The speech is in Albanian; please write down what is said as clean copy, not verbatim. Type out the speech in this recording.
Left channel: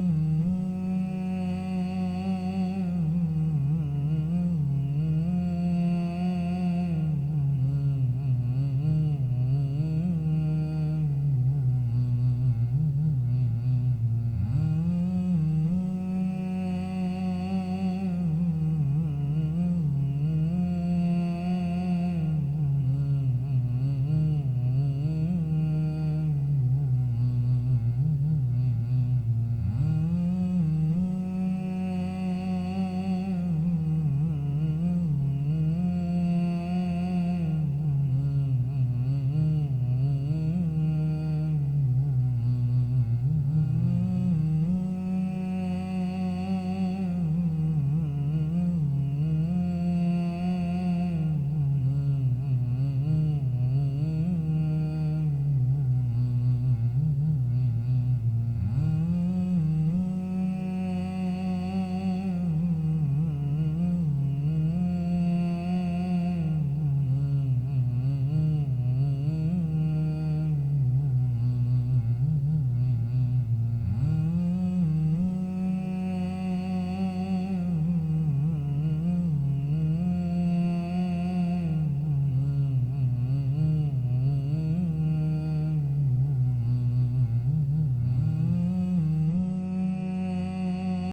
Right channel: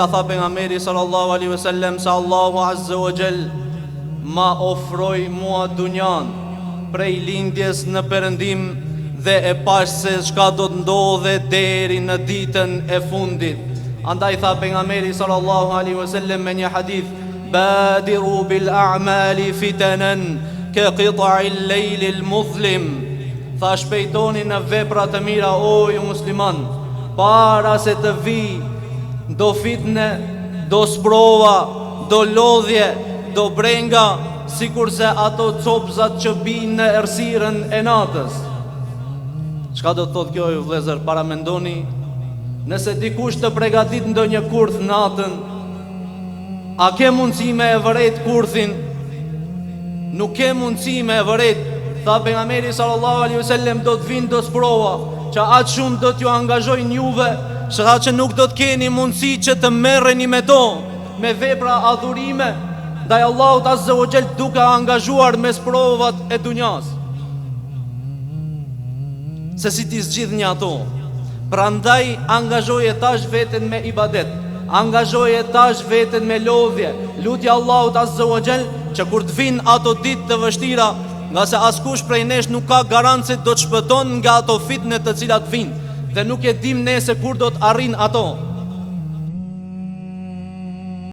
Ka tha pejgamberi sallallahu alaihi wasallam se Allahu azza wa jall ma ofroi mua dunjan prej lindjes në perëndim dhe e pash se çka do të ndodhe deri në ditën e fundit. Andaj tha pejgamberi sallallahu alaihi wasallam me një hadith: badiru bil a'mali fitanan ka qita'il layl muzlim. Tha shpejtoni në vepra të mira o ju musliman, para se të vi do fitne, do sprova, do lodhje, do brenga, sikurse ato copzat që binë në errësirën e natës. Çka do të thotë kjo ju vëllezër? Para mendoni, nëse dikush të përgatit ndonjë kurth natën, a ke mundësi me e vëret kurthin? Nuk ke mundësi me e vëret. Tha pejgamberi sallallahu alaihi wasallam, do të vinë do sprova, që atë shumë do t'ju angazhojnë juve, që nuk do të keni mundësi që të merreni me to, me vepra adhurime ndaj Allahut azza wa jall, duke angazhuar me provat e dunjas. Se si ti zgjidh një ato. Prandaj angazhoje tash veten me ibadet, angazhoje tash veten me lodhje, lutje Allahut azza wa jall që kur të vinë ato ditë të vështira, nga se askush prej nesh nuk ka garancë se do të shpëton nga ato fitne të cilat vinë, dhe nuk e dim ne se kur do të arrin ato.